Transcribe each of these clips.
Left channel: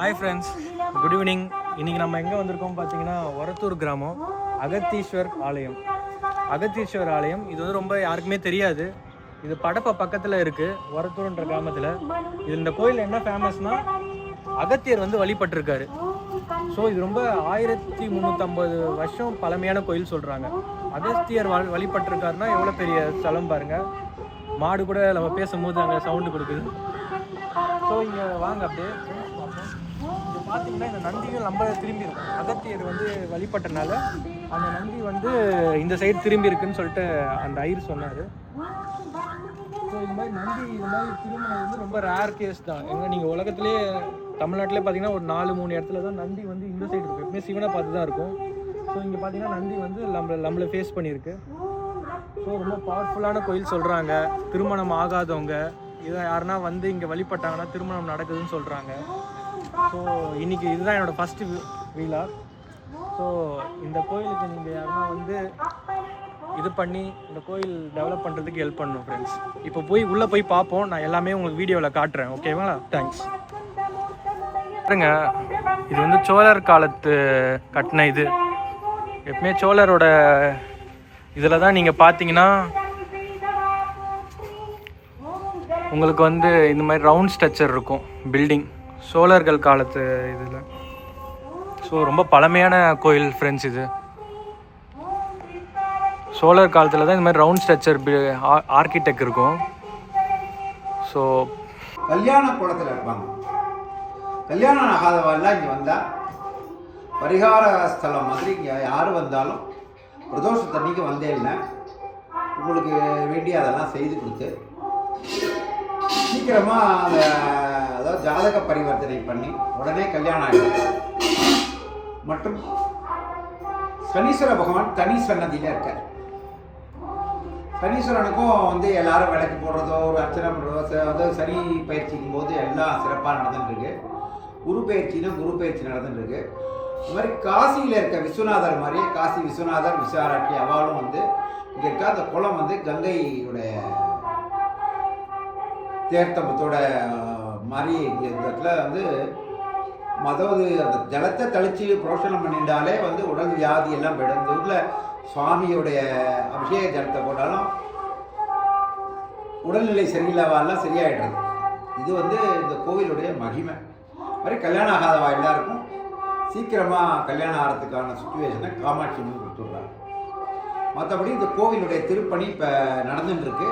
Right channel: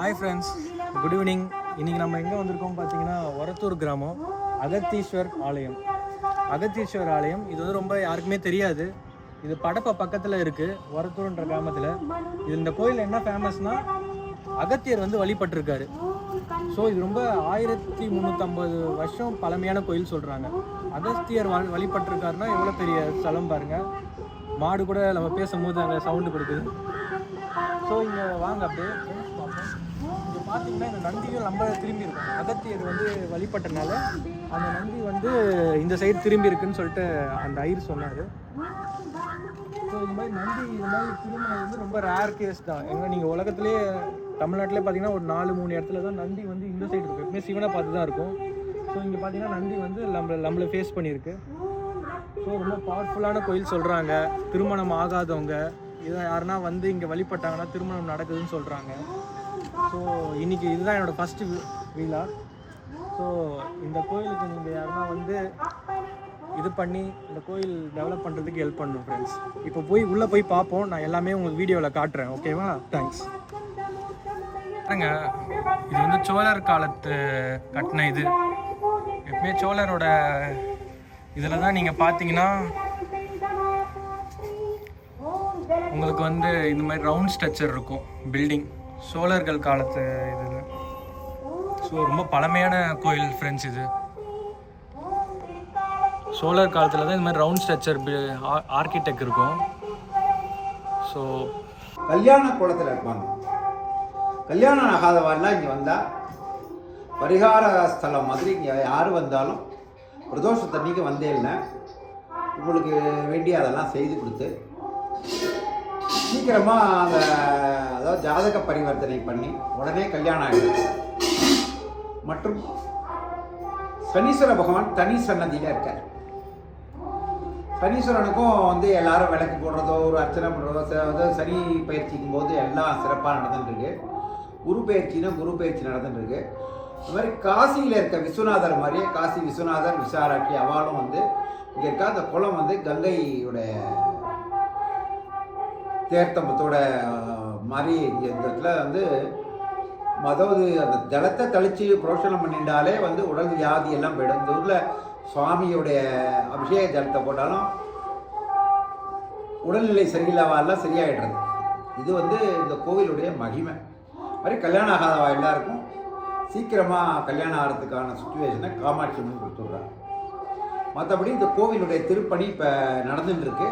Hi friends, good evening. இன்றைக்கி நம்ம எங்கே வந்திருக்கோம் பார்த்தீங்கன்னா, ஒரத்தூர் கிராமம் அகத்தீஸ்வர் ஆலயம். அகத்தீஸ்வர் ஆலயம் இது வந்து ரொம்ப யாருக்குமே தெரியாது. இது படப்ப பக்கத்தில் இருக்குது, ஒரத்தூர்ன்ற கிராமத்தில். இது இந்த கோயில் என்ன ஃபேமஸ்னால், அகத்தியர் வந்து வழிபட்டிருக்காரு. ஸோ இது ரொம்ப 1350 வருஷம் பழமையான கோயில் சொல்கிறாங்க. அகஸ்தியர் வழிபட்டிருக்காருன்னா எவ்வளோ பெரிய ஸ்தலம் பாருங்கள். மாடு கூட நம்ம பேசும்போது அங்கே சவுண்டு கொடுக்குது. ஸோ இங்கே வாங்க அப்படியே பார்ப்போம். இங்கே பார்த்தீங்கன்னா இந்த நந்தியும் நம்ம திரும்பி இருக்கும். அகத்தியர் வந்து வழிபட்டனால அந்த நந்தி வந்து இந்த சைடு திரும்பி இருக்குன்னு சொல்லிட்டு அந்த ஐயர் சொன்னார். ஸோ இது மாதிரி நந்தி இது மாதிரி திரும்பினது வந்து ரொம்ப ரேர் கேஸ் தான். எங்கே நீங்கள் உலகத்துலேயே தமிழ்நாட்டிலே பார்த்தீங்கன்னா ஒரு 4-3 இடத்துல தான் நந்தி வந்து இந்த சைடு இருக்கும். எப்பவுமே சிவனை பார்த்து தான் இருக்கும். ஸோ இங்கே பார்த்தீங்கன்னா நந்தி வந்து நம்மளை ஃபேஸ் பண்ணியிருக்கு. ஸோ ரொம்ப பவர்ஃபுல்லான கோயில் சொல்கிறாங்க. திருமணம் ஆகாதவங்க இதை யாருன்னா வந்து இங்கே வழிபட்டாங்கன்னா திருமணம் நடக்குதுன்னு சொல்கிறாங்க. ஸோ இன்றைக்கி இதுதான் என்னோடய ஃபஸ்ட்டு வீலாக். ஸோ இந்த கோயிலுக்கு நீங்கள் யாருன்னா வந்து இது பண்ணி இந்த கோயில் டெவலப் பண்ணுறதுக்கு ஹெல்ப் பண்ணணும் ஃப்ரெண்ட்ஸ். இப்போ உள்ளே போய் பார்ப்போம். நான் எல்லாமே உங்களுக்கு வீடியோவில் காட்டுறேன், ஓகேவா? தேங்க்ஸ். பாருங்க, இது வந்து சோழர் காலத்து கட்டின இது. எப்பவுமே சோழரோட இதில் தான் நீங்கள் பார்த்தீங்கன்னா உங்களுக்கு வந்து இந்த மாதிரி ரவுண்ட் ஸ்ட்ரக்சர் இருக்கும் பில்டிங், சோழர்கள் காலத்து இதில். ஸோ ரொம்ப பழமையான கோயில் ஃப்ரெண்ட்ஸ். இது சோழர் காலத்தில் தான் இந்த மாதிரி ரவுண்ட் ஸ்ட்ரக்சர் ஆர்கிடெக்ட் இருக்கும். ஸோ கல்யாண குளத்தில் இருப்பாங்க. கல்யாணம் ஆகாதவாள்லாம் இங்கே வந்தால் பரிகார ஸ்தலம் மாதிரி இங்கே யார் வந்தாலும் பிரதோஷத்தன்னைக்கு வந்தே இல்லை உங்களுக்கு வேண்டிய அதெல்லாம் செய்து கொடுத்து சீக்கிரமாக அதாவது ஜாதக பரிவர்த்தனை பண்ணி உடனே கல்யாணம் ஆகிடும். மற்றும் சனீஸ்வர பகவான் தனி சன்னதியில் இருக்கார். சனீஸ்வரனுக்கும் வந்து எல்லாரும் விளக்கு போடுறதோ ஒரு அர்ச்சனை பண்ணுறதோ, அதாவது சனி பயிற்சிக்கும் போது எல்லாம் சிறப்பாக நடந்துட்டுருக்கு. குரு பயிற்சினா குரு பயிற்சி நடந்துட்டுருக்கு. இது மாதிரி காசியில் இருக்க விஸ்வநாதர் மாதிரியே காசி விஸ்வநாதர் விசாராட்சி அவளும் வந்து இங்கே இருக்க. அந்த குளம் வந்து கங்கையுடைய தேர்த்தம்பத்தோட மாதிரி இந்த இடத்துல வந்து அதாவது அந்த ஜலத்தை கழிச்சு புரோஷனம் பண்ணிட்டாலே வந்து உடல் வியாதி எல்லாம் போயிடும். இந்த ஊரில் சுவாமியுடைய அபிஷேக ஜலத்தை போட்டாலும் உடல்நிலை சரியில்லாவாலாம் சரியாயிடுறது. இது வந்து இந்த கோவிலுடைய மகிமை. மாதிரி கல்யாணம் ஆகாதவா எல்லாருக்கும் சீக்கிரமாக கல்யாணம் ஆகிறதுக்கான சுச்சுவேஷனை காமாட்சி அம்மன் கொடுத்துட்றாங்க. மற்றபடி இந்த கோவிலுடைய திருப்பணி இப்போ நடந்துட்டுருக்கு.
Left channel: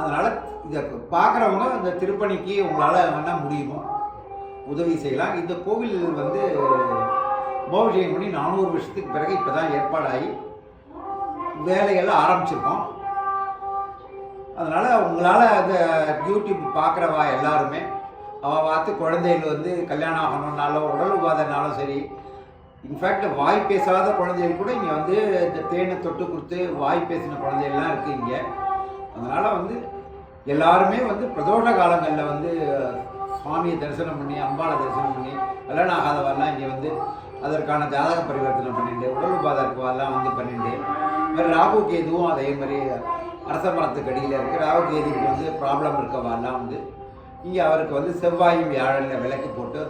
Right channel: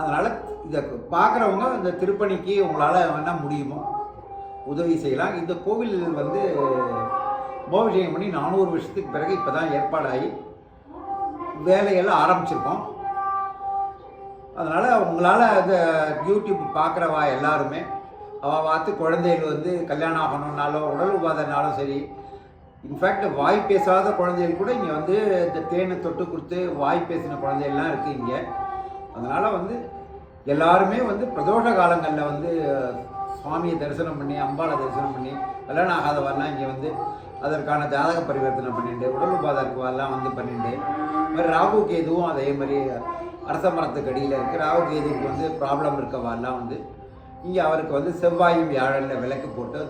அதனால் இதை பார்க்குறவங்க இந்த திருப்பணிக்கு உங்களால் என்ன முடியுமோ உதவி செய்யலாம். இந்த கோவில் வந்து கும்பாபிஷேகம் பண்ணி 400 வருஷத்துக்கு பிறகு இப்போ தான் ஏற்பாடாகி வேலையெல்லாம் ஆரம்பிச்சிருக்கோம். அதனால் உங்களால் அந்த யூடியூப் பார்க்குறவா எல்லாருமே அவள் பார்த்து குழந்தைகள் வந்து கல்யாணம் ஆகணுன்னாலும் உடல் உபாதனாலும் சரி, இன்ஃபேக்ட் வாய் பேசாத குழந்தைகள் கூட இங்கே வந்து இந்த தேனை தொட்டு கொடுத்து வாய் பேசின குழந்தைகள்லாம் இருக்குது இங்கே. அதனால் வந்து எல்லாருமே வந்து பிரதோஷ காலங்களில் வந்து சுவாமியை தரிசனம் பண்ணி அம்பாவை தரிசனம் பண்ணி கல்யாணம் ஆகாதவரெல்லாம் இங்கே வந்து அதற்கான ஜாதக பரிவர்த்தனை பண்ணிட்டு உடல் உபாதற்குவெல்லாம் வந்து பண்ணிட்டு மாதிரி ராகு கேதுவும் அதே மாதிரி அரச மரத்துக்கு அடியில் இருக்குது. ராகு கேதுக்கு வந்து ப்ராப்ளம் இருக்கவாலாம் வந்து இங்கே அவருக்கு வந்து செவ்வாயும் வியாழனில் விளக்கு போட்டு